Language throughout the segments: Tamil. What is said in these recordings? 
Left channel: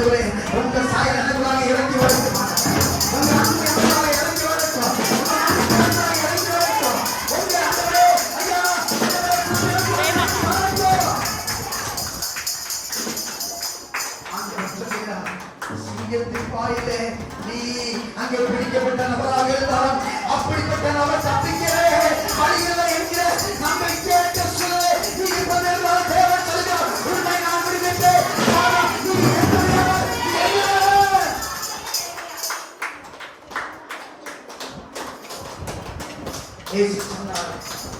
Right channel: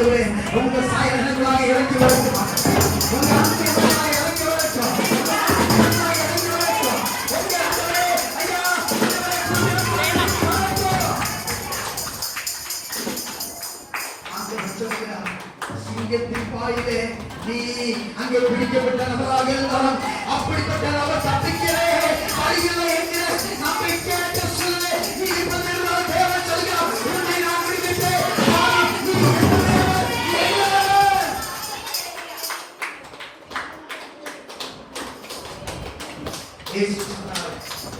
ஆண்டவரே உங்க சாயல் எனக்குள்ளாக இறக்கி வரட்டும். உங்க ஆண்டவரே இறக்கி வரட்டும். சிங்கத்தின் வாயிலே நீ அங்கே பிடிக்கப்பட்ட நபராக இருந்தால் அப்படிப்பட்ட நபர் தப்பிக்கவே வழியில்லை என்கிற நம்மை கேட்க சொல்ல நீ தேவன் சொல்கிறார். உன்னை நான் விடுவித்தேன்.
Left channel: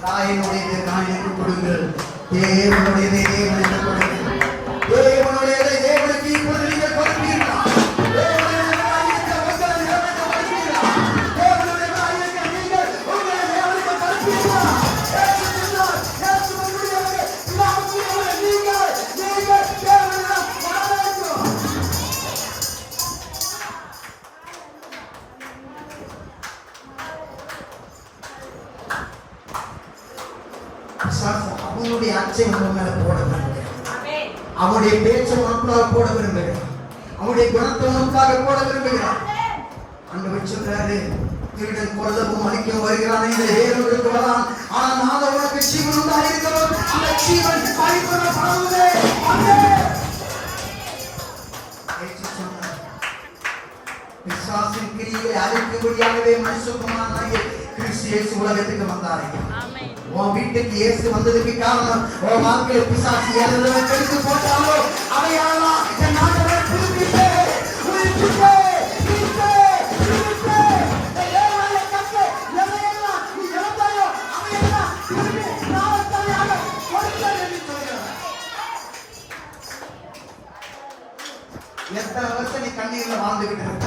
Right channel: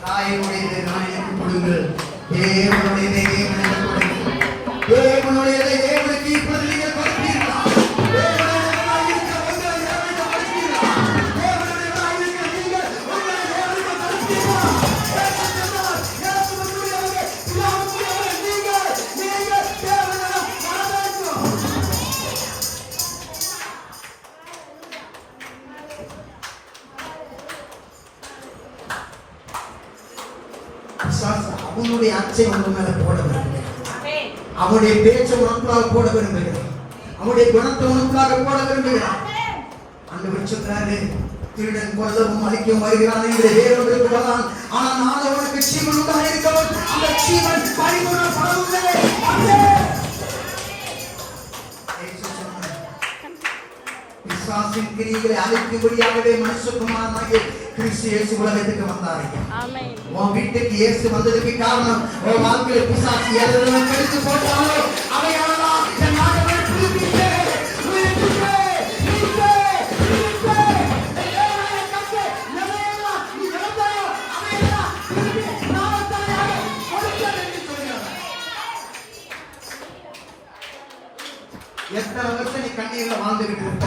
தாயினுடையதை நான் எனக்கு கொடுங்கள், தேவனுடையதை தேவனுக்கு கொடுங்கள். தேவனுடையதை தேவனுக்கு இப்பொழுது நீங்கள் கொடுப்பீர்களா? அவனுடைய அச்சம் நம்ம மேல போட விரும்புகிறேன். அவனுடைய பேச்சை உனக்குள்ளாக போட விரும்புகிறேன். அவனுடைய குணத்தை உனக்குள்ளாக போட விரும்புகிறான். அங்க வச்சிருக்காரு, திருடன் கொல்லவும் அழிக்கவும் வருகிறான் என்று வேறொருக்கு வரலாம். ஆனால் நான் அவனுக்கு ஜீவன் உண்டாக இருக்கிறோம். அந்த ஜீவன் பரிபூரணப்படவில்லை. பிசாசின் கிரியைகளை அழிக்கும்படியாகவே மனுஷகுமாரனாகிய கிறிஸ்து இயேசு உலகத்துக்கு வந்தார். ஆமென். உன் வீட்டுக்கு இயேசு வந்ததுக்கு காரணம் உன் வாழ்க்கையில பிசாசு எதெல்லாம் கெடுத்து போட்டாலோ அவையெல்லாம் என் ஆண்டவர் புதுப்பித்தே புதுப்பித்தே புதுப்பித்தே புதுப்பித்தே தேவனுடைய கட்டளை எதையெல்லாம் நீ இழந்தாயோ அவையெல்லாம் புதுப்பித்து நாமத்தாயாக கொடுத்தேன் என்று சொல்கிறார். எத்தனை வருஷம் நீ கண்ணீர்ல வாழ்ந்துகிட்டு இருக்க?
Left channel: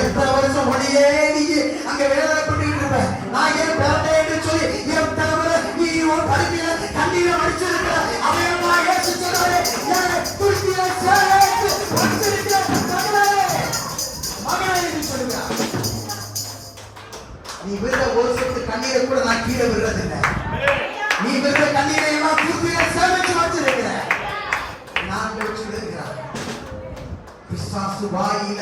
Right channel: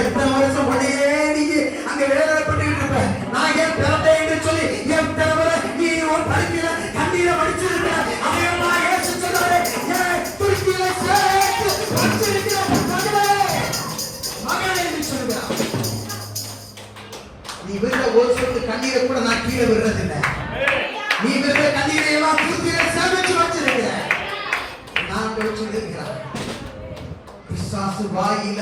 எத்தனை வருஷம் உடையே நீ அங்க வேதனைப்பட்டு இருக்க? நான் என் பிறந்தே என்று சொல்லி என் பிறந்த நீ ஒரு படிப்பில கண்ணீரை வடிச்சிருக்க. அவையெல்லாம் இயேசு சொல்றாரு, என் துருத்தியை சேர்த்து வச்சிருக்கிற மகனே என்று சொல்கிறார். நீ விருந்த ஒரு சொட்டு கண்ணீரை கூட நான் கீழே விடுறதில்லை. நீ விருந்த கண்ணீரை எல்லாம் துருத்தியில சேமிச்சு வச்சிருக்கிற. நான் வச்சிருக்கிறான். பிசாசு வாயில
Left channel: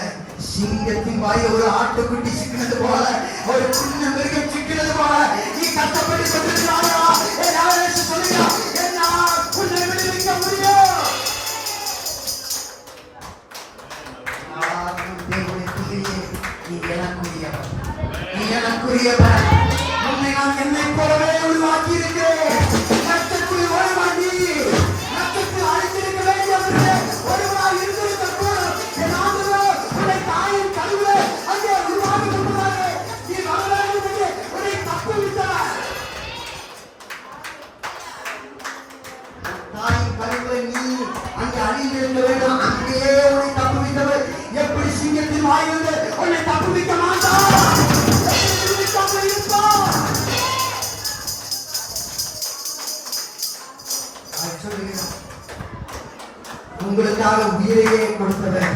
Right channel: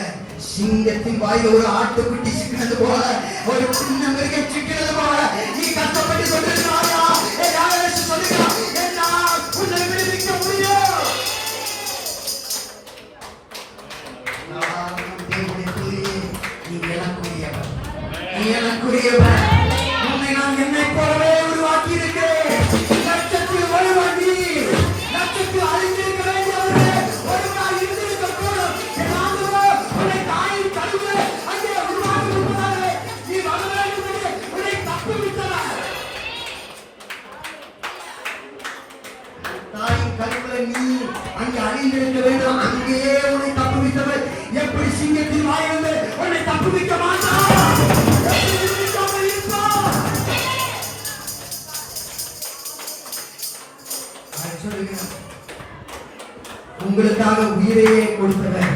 சிங்கத்தின் வாயில ஒரு ஆட்டுக்குட்டி சிக்கினது போல, ஒரு சின்ன மிருகம் சிக்கினது போல நீ கஷ்டப்பட்டு கொண்டிருக்கிறாயா? சொல்லுங்க, என்ன உன்னை விடுவிக்க முடியும்? நீ எனக்குரியவன், நீ எனக்குரியவன். உன்னை நான் என்னை போலவே உருவாக்கி இருக்கிறேன். நட்சத்திர ஓய்வாண்டி நட்சத்திர அழிந்திருக்க வேண்டியவர்களே ஒருவராய் இருந்திருக்க கூடும். என் ஆண்டவர் உன்னை தாயின் கருவிலே அங்கே உருவாக்கி விட்டதாக நீ வரவேண்டிய உன்னை தப்பு விட்டவர். தாயின் கருவிலே நீ அங்கே அழிந்திருக்க வேண்டும். அங்கேயே உன்னை தப்பு விட்டவர். எப்படி சிங்கத்தின் வாயிலிருந்து உன்னை தப்பு விட்ட மாட்டார்? உங்களுக்காக உயிரையே கொடுத்தவர்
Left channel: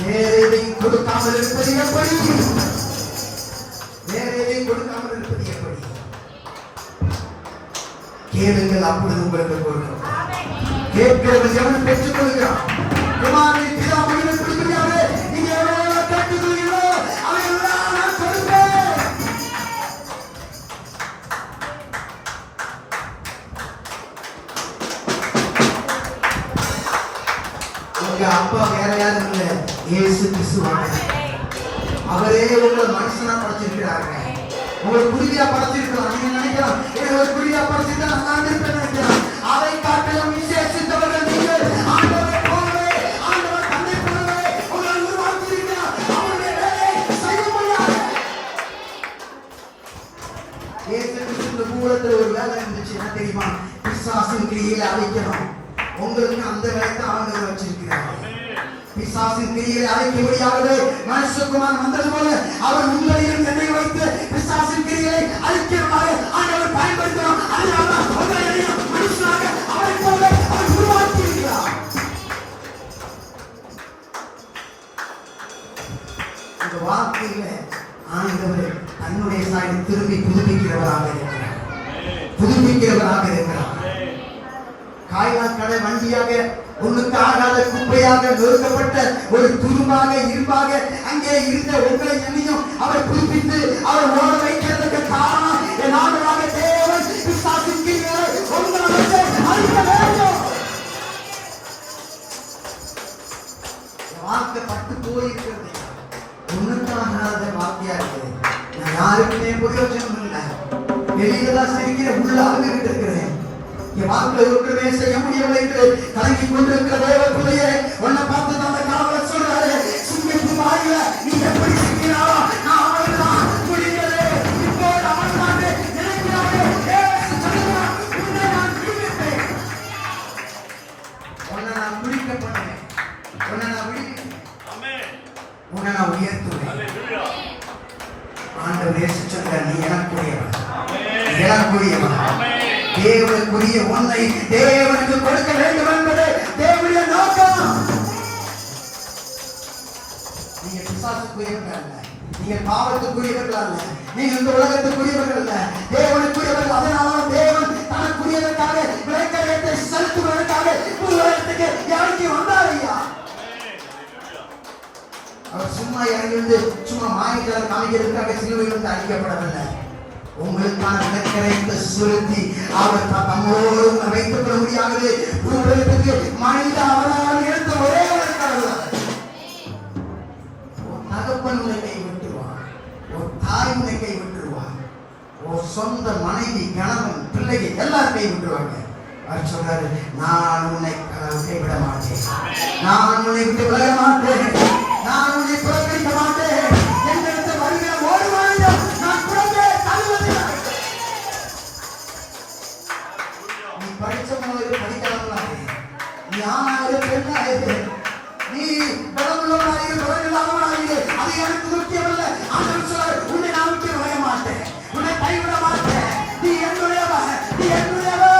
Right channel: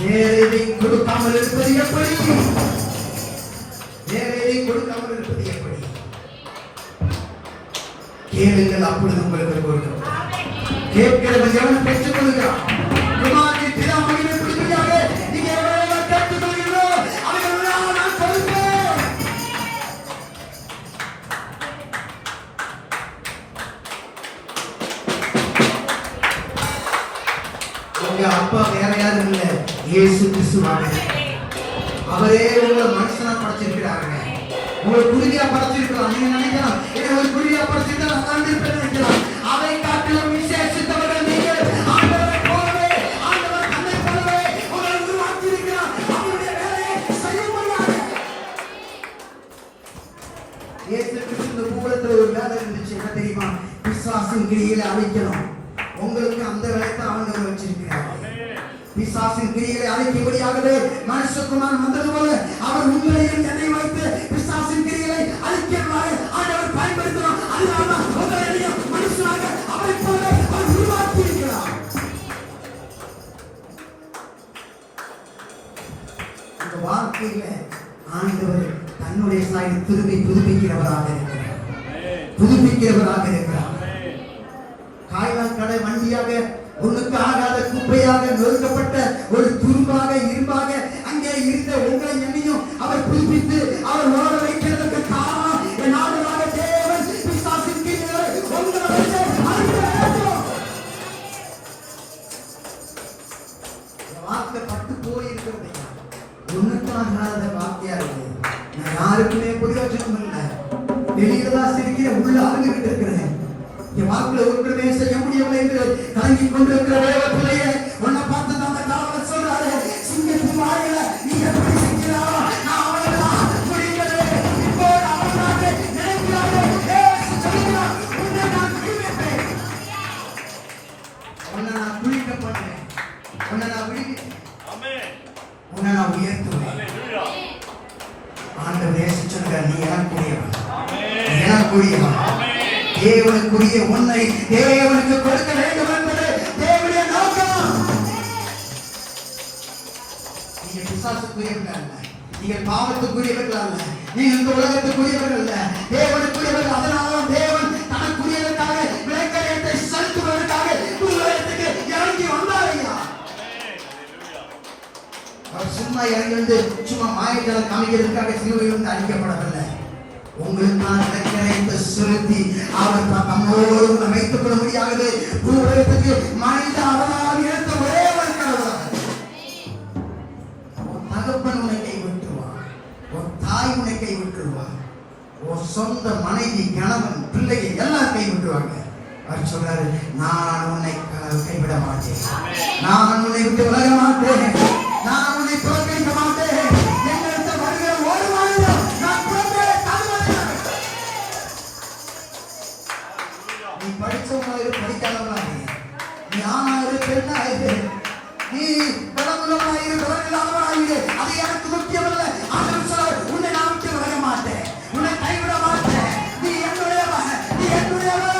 வேற எதையும் கொடுக்காமல் இருப்பது எப்படி? வேற எதையும் கொடுக்காமல் இருப்பது எப்படி? கேளுங்கள், அப்பொழுது உங்களுக்கு கொடுக்கும். கேட்கிறது எவன் பெற்றுக் கொள்கிறான். நீங்க எவ்வளவு கேட்டுக் கொள்கிறோ அவையெல்லாம் நான் கொடுப்பேன். உங்க அப்பா வேற யாரும் இல்ல, இயேசு கிறிஸ்துவாக. அவரே உங்களை மனுஷனா படைச்சிருக்கிறாங்க. உங்களை குருவியா படைச்சிருக்கலாம். நீங்க நினைக்கலாம், எனக்கு ஒரு குருவியா படைச்சிருந்தா நான் வாழ்ந்திருப்பேன் நினைக்கலாம். அதை காட்டிலும் விசேஷித்தவர்கள் நீங்கள். ஆண்டவரை போலவே, ஆண்டவர் தன்னை போலவே உங்களை உருவாக்கி இருக்கிறார். அவருடைய வேலையை செய்ய முடியாது. இயேசு கிறிஸ்து பூலத்துல ஒரு வேலை இருந்துச்சு, என்ன தெரியுமா? பிசாசின் கிரியைகளை அழிக்கணும். உங்களுக்கு அந்த வேலை தான் ஆண்டவர் வச்சிருக்கிறார். பிசாசின் கிரியைகளை அழிக்கும்படியாகவே மனுஷகுமாரன் வந்தது போல அவர் உங்களையும் என்னை வைத்து பிசாசின் கிரியைகளை அழிக்கிறதாக ஆண்டவர் பயன்படுத்தணும். அதனால உங்களையும் மனுஷனாக அவரை போல அவர் உருவாக்கி இருக்கிறார். அந்த வார்த்தையில ஆண்டவர் தன்னுடைய சாயலை திரும்பி புதுப்பிக்கிறவராக இருக்கிறார். புதுப்பிக்கிறவராக இருக்கிறார். காய்கறி கடை வண்டியாக ஒண்ணுக்கு ஆகாத குப்பையாக நொறுக்கப்பட்ட ஒரு துரும்பாக இரும்பாக அங்கே இருந்த உங்களை எண்ணியும் அவர் புதுப்பித்து அவர் ஓட வைக்கிறதுக்கு காரணம் என் ஆண்டவராகிய தேவன் பிசாசின் கிரியைகளை உங்களை வந்து அழிக்க வேண்டும். வார்த்தை பட்டு போயிருக்கிறது, ஒண்ணுக்கான வார்த்தையா இருக்குது. யாருக்குமே பிரயோஜனம் இல்லை. வெளியில்தான் சிரிக்கிற உள்ள அழுகிட்டு இருக்கிறேன். என் வாக்குல ஒன்றுமே செய்ய முடியவில்லை என்று கலங்கி கொண்டிருக்கிற தேவ பிள்ளையே, உன்னை பார்த்து அந்த கணவனை சொல்றாரு, சிங்கத்தின் வாயில நீ எப்படி சிக்கிறோ நான் அவனுக்குதான் முடிகிறது. இப்போ அவனுக்காக நினைக்கிறவர்கள் உன்னை நான் குடிக்கப்பேன், உன்னை நான் குடிக்கப்பட்டேன், உன்னை நான் விடுவிப்பேன், உன்னை நான் உயர்த்துவேன். ஆண்டவர் இயேசு சொல்றார், நீ எனக்குரியவன், எனக்குரியவன். தேவனுக்குரிய உன்னை தேவனுக்கு கொடுக்க வேண்டும் என்பது தேவனுடைய நோக்கம். நீங்க பிசாசுக்குரியவர்கள் அல்ல, நீங்கள் பாவத்துக்குரியவர்கள் அல்ல, நீங்கள் இந்த உலகத்துக்குரியவர்கள் அல்ல, தேவனுக்குரியவர்கள். அதனால தேவன் தனக்குரியதற்காக விளைக்கரையத்தை செலுத்துவதற்காக உலகத்துக்கு இறங்கி வந்தாரையா. அவர் சும்மா இறங்கி சும்மா மாயத்தை காமிக்கிறதுக்காக சிலுவையில் இருந்து அழிக்கப்படவில்லை. உங்களுக்கான விளைக்கரையத்தை செலுத்தி அவர் தம்மோடு வைத்துக் கொள்ள முடியாது. உலகத்துக்கு மனித அவரால் எடுத்த ஒரே ஒரு கடவுள். தகப்பன் உன்னை கைவிட்டுருவான், ஒரு தாய் உன்னை கைவிட்டுருவான், ஒரு சொந்த மனைவி கணவன் பிள்ளைகள் எல்லாரும் கைவிட்டுருவாங்க. அவர் சொல்றாரு, நான் உன்னை கைவிட மாட்டேன், நான் உன்னை விட்டு விலக மாட்டேன், நான் உன்னை புறக்கணிக்க மாட்டேன். என்னிடத்தை வருகிற ஒரு மனிதன் நான் புறம்பே தள்ளுவதில்லை. நீ படிச்சவங்க படிக்காதவங்களா, நீ ஆணாயிரு பெண்ணாயிரு, நீ பலமுள்ளவனாயிரு பலமில்லாதவனாயிரு, அது எனக்கு முக்கியமல்ல. ஆண்டவர் சொல்றார், உன்னை நான் விட்டு விலக மாட்டேன், உன்னை கைவிட மாட்டேன், நீ என்னுடையவன், நீ என்னுடையவன்.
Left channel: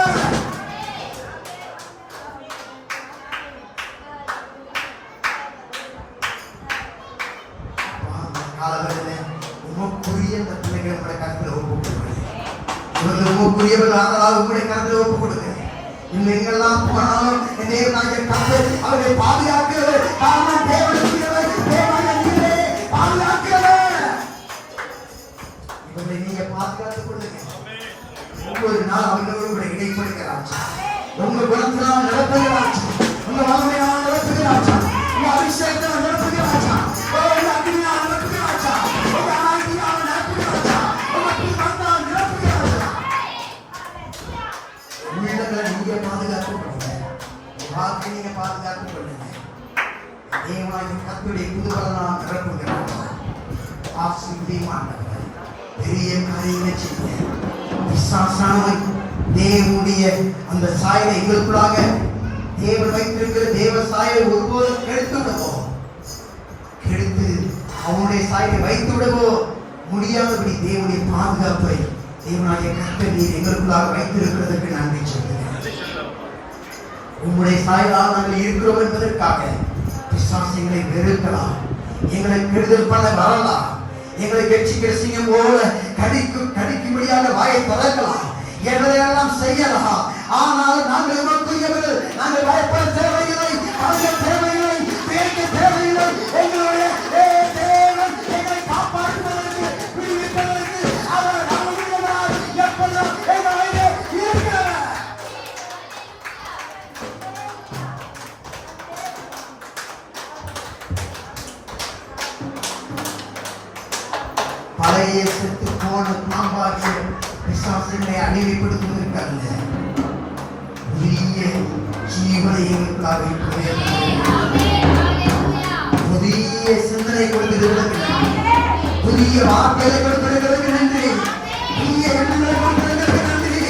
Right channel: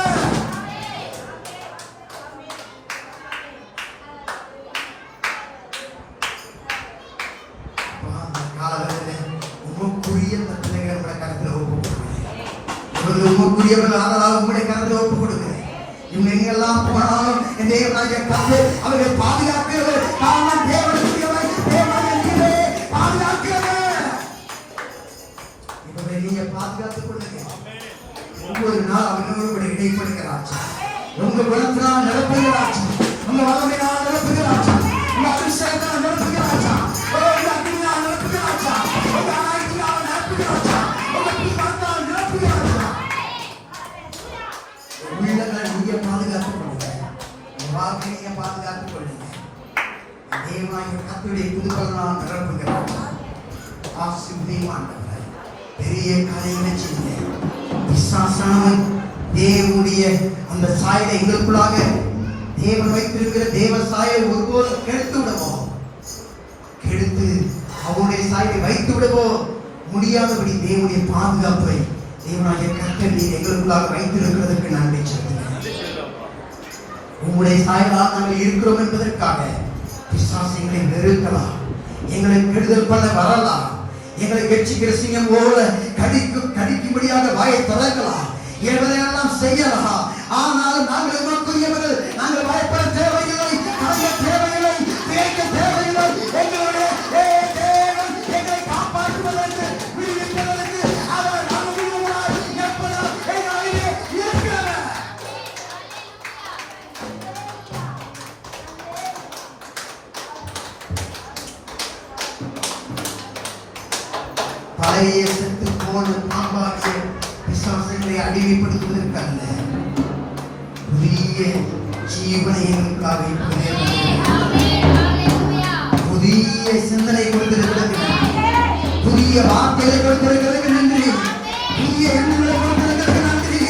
உங்களுடைய கருத்தில் ஒப்பு கொடுங்க. எங்கெல்லாம் போனாலும் அவர்களை பாதுகாக்கிறது நீங்க பாதுகாத்து கொடுங்க. ஒவ்வொரு நாள் அவர்களோடு இடைப்படுகிறாச்சு. உங்க குணத்தினால் நிரப்புகிறாச்சு, உங்க வாழ்வையால் நிரப்புகிறாச்சா, உங்க அபிஷேகத்தால் நிரப்புகிறாச்சா, உங்க அக்னியால் நிரப்புகிறாச்சா, உங்க ஆயுதத்தால் நிரப்புகிறாச்சா, உங்க புதுமத்தால் நிரப்புகிறாச்சா. உள்ளங்களை நீங்க பாதுகாத்துக் கொள்ளுங்க, வாழ்க்கை நீங்க பாதுகாத்துக் கொள்ளுங்க. தேவனாகிய கர்த்தருடைய புதுபலனால் நிரப்புகிறாச்சா. ஆசீர்வதிமானவர் பெரிய காரியங்களை செய்ய பிசாசானவன் தேவனுடைய அந்த சாயலை எங்களுக்குள்ளாக தேவன் வைத்திருக்கிற தேவ சாயலை ஒருபோது கெடுத்து விடவோ, கெடுத்து அவனுடைய சாயலை வைத்து விடவோ முடியாதபடி தேவனுடைய பாதுகாப்பை தேவனுடைய கர்த்தர் எங்களுக்குள்ளாக வைத்திருக்கிறதற்கு நன்றி சொல்கிறேன். உங்களுடைய சாயலால் நாங்கள் இருக்கிறோம் என்பதற்காக பிசாசங்களை வெறுக்கலாம், எங்களை கெடுதல் பண்ண வரலாம், எங்களை கட்சிக்கிற சிங்கம் போல கடிக்கும்படியாக வாயை தொடரலாம், என்பதையெல்லாம் செய்யலாம். ஆனால் நாங்கள் எங்களுக்குரியவர்கள், நாங்கள் வாய்ப்பட தேவையில்லை, அடைய தேவையில்லை, கேட்க தேவையில்லை. எங்களுடைய தேவன் எங்களை காப்பாற்றுவதற்கு விடுவிப்பதற்கு அவர் நம்முடையவராய் எப்பொழுதும் எங்களிலே இருக்கிறார். பழைய செத்து போன பாம்பாகிய பிசாசங்களை அடிமைப்படுத்துவதற்கல்ல, புதிய ஜீவனை எங்களுக்காக புதிய சிந்தனை கொடுத்திருக்கிறது, புதிய வார்த்தைகளை கொடுத்திருக்கிறது நன்றி, புதிய எண்ணங்களை கொடுத்திருக்கிறது நன்றி,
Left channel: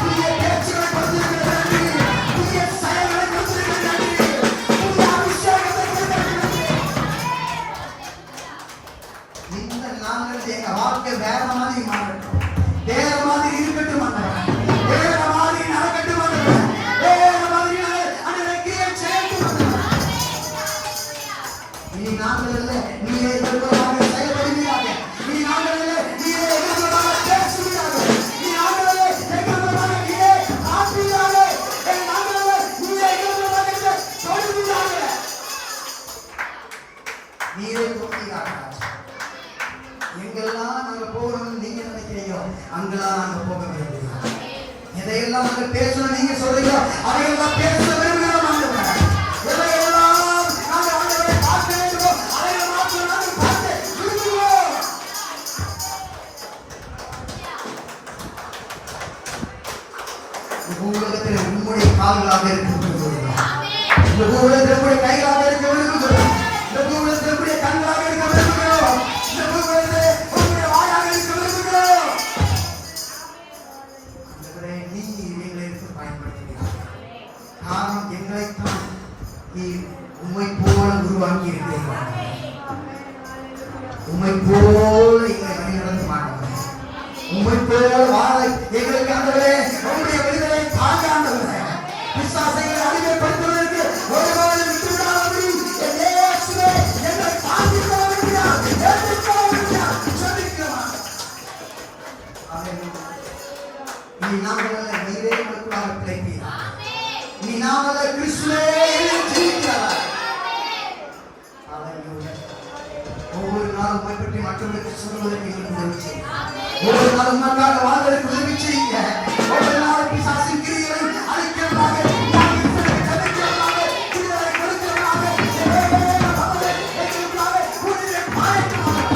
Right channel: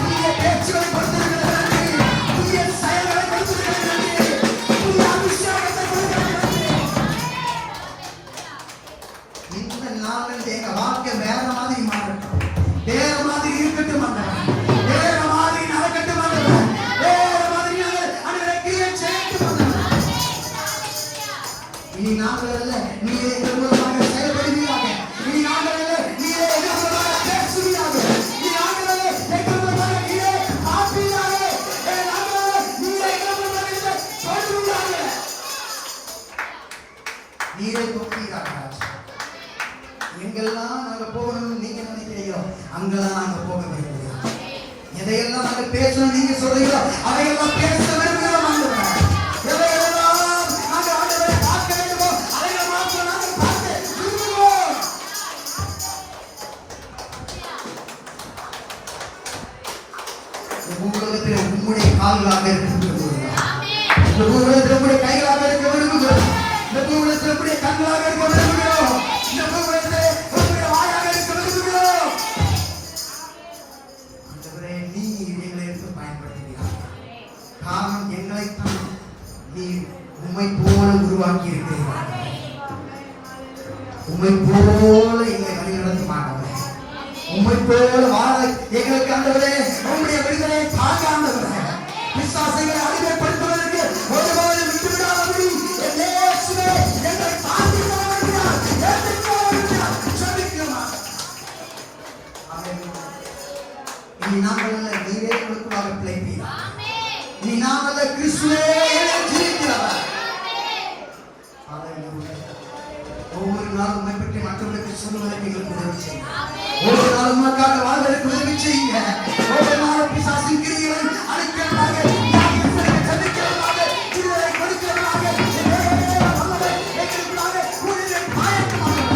புதிய பேச்சுகளை கொடுத்திருக்கிறது நன்றி, புதிய செயல்களை கொடுத்திருக்கிறது நன்றி, புதிய அபிஷேகத்தை கொடுத்திருக்கிறது நன்றி. இந்த நாளில் எங்க வாழ்க்கை வேற மாதிரி மாறட்டும், வேற மாதிரி இருக்கட்டும், வேற மாதிரி நடக்கட்டும், வேற மாதிரி அதை கிரியேட் செய்யட்டும். இனி நாங்கள் அல்ல, நீங்க எங்களுக்காக செயல்படுவீராக, இனி நாங்கள் அல்ல, நீங்க எங்களுக்காக பேசுவீராக, இனி நாங்கள் அல்ல, எங்களுக்காக நீங்க ஆற்றுவீராக, நாங்கள் அல்ல, நீங்க எங்களுக்காக சொல்லுவீராக. நீரை தூக்கீராக ராஜா. எங்கெல்லாம் நாங்க போகணும்னு நீங்க நினைக்கிறீங்களோ அங்கெல்லாம் நாங்க போக வேண்டியது. எதையெல்லாம் நாங்க பேசணும் நீங்க சொல்றீங்களோ அதையெல்லாம் பேச விரும்புகிறோம் ஆண்டவரே. எதையெல்லாம் நாங்க ஆண்டவரை பார்க்க வேண்டுமோ அதையெல்லாம் நாங்க பார்க்க விரும்புகிறோம். உலகத்தில் உம்முடைய கால்களாக இருக்கிறது, இந்த உலகத்தில் உம்முடைய கைகளாக இருக்க விரும்புகிறோம், இந்த உலகத்தில் உம்முடைய கண்களாக இருக்க விரும்புகிறோம், இந்த உலகத்தில் உம்முடைய வாயாக இருக்க விரும்புகிறோம். ஆண்டவரே, நீங்க இதைகளை பயன்படுத்துகிறீர்கள். காரணம் எங்களைத்தான் நீ உம்மை போல உருவாக்கி இருக்கிறீர்கள். உம்மை போல எங்களை வழிநடத்த மாட்டோம். உம்மை போல வாழ எங்களுக்கு ஆண்டவரே உம்முடைய விடுதலை தாங்காண்டவரே. பிசாசுகளை அடிமைப்படுத்துவதற்கு ஒருவரை விட்டுவிடாதபடி இயேசுவே எங்களை தாங்கிவிடாதபடியாக ஜெபிக்கிறோம். ஆமென். இனி நாங்கள் நீரே எங்களுக்குள்ளாக பிழைப்பீர். இனி நாங்கள் கிறிஸ்துவே ஜீவிக்கிறார். ஒவ்வொரு நாளும் உம்மை பற்றி மற்றவர்களுக்கு சொல்வதற்கு எங்களுக்கு உதவி செய்யுங்க. ஒவ்வொரு நாளும் உமக்காக வாழ்வதற்கு உதவி செய்யுங்க. ஒவ்வொரு நாளும் பிசாசின் கிரியைகளை அழிக்கிறவராக, ஜெபிக்கிறவராக, விடுதலை கொடுக்கிறவராக, எங்களுக்காக உயிரை பாய்க்கிறவராக.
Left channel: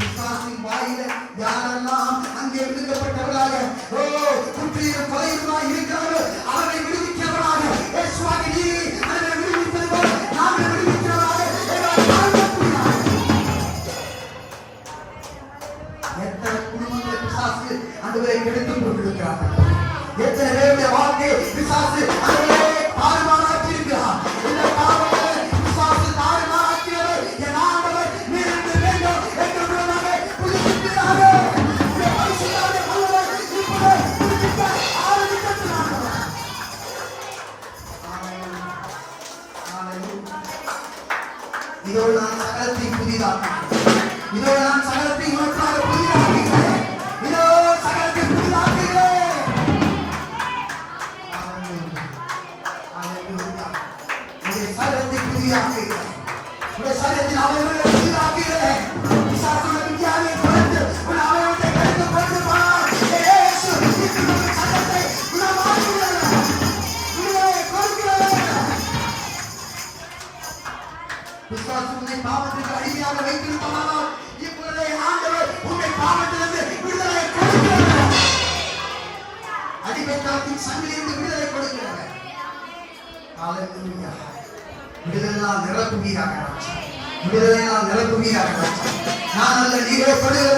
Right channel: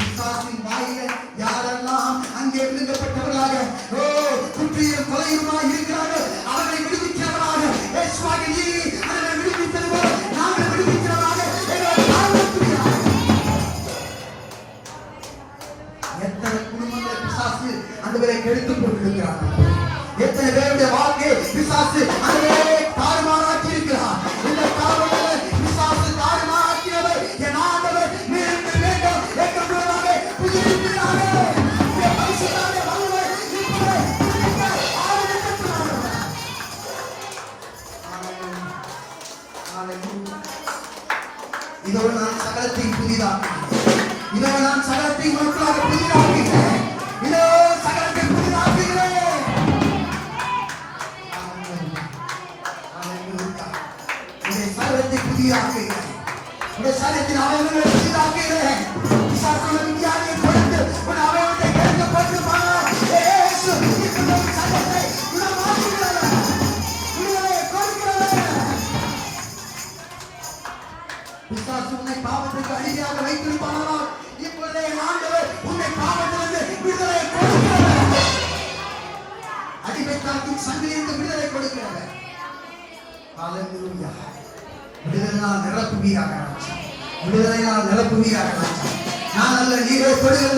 பிசாசின் வாயில யாரெல்லாம் அங்கே விடுதலைப்பட்டவர்களாக குற்றியும் கொலையுமாய் இருக்கிறார்கள் அவர்களை விடுவிக்கிறவராக இயேசுவாகிய நீரே அவர்களை விடுவித்தது போல நாங்கள் விடுவிக்கிறவராக எங்களை வாழ்த்துகிறார். எத்தனை குடும்பங்களை பிசாசு ஆண்டவரை கெடுத்துக் கொண்டிருக்கிறார்கள். எத்தனை பேருடைய வாழ்க்கையை பிசாசு ஆண்டவரை தாறுமாறாக்கி இருக்கிறார். இந்த காரணமாக பிசாசு தாறுமாறாக்கியதை என் ஆண்டவர் மீண்டும் மீண்டும் எங்களுடைய புதுப்பிக்கிறார். இந்த பரிசுத்தமான வல்லவர் இப்போது புதுப்பிக்க ஆரம்பித்திருக்கிறார். இதோடு நான் சகலத்தையும் புதிதாக்குகிறேன். இதோடு நான் சகலத்தையும் மக்களாக புதிதாக்குகிறேன். இதோ சகலத்தை புதிதாக்குகிறேன். இதை சகலத்தை புதிதாக்குகிறேன். இந்த சகலத்தில் அவர்களை புதிதாக்குகிறேன். பிசாசுடைய விஞ்ஞானியை கொடுத்து உன் அவர்களை கருத்து கொண்டு போனார். இயேசு இந்த சகலத்தை குணமாக்குகிறார். விடுதலை கொடுக்கிறார். பிசாசு உன்னை பாவத்துக்கு அடிமையாக வைத்திருப்பானால் இப்பொழுதே ஆண்டவர் உன்னை பாவத்திலிருந்து விடுதலை கொடுக்கிறார். அடிமைத்தனத்தின் சங்கிலிருந்து விடுதலை கொடுக்கிறார். ஹல்லேலூயா. விடுதலையால் நிரப்புவீராக ராஜா. விடுதலையால் நிரப்புவீராக ராஜா. நான் அல்ல நீரை கொடுங்க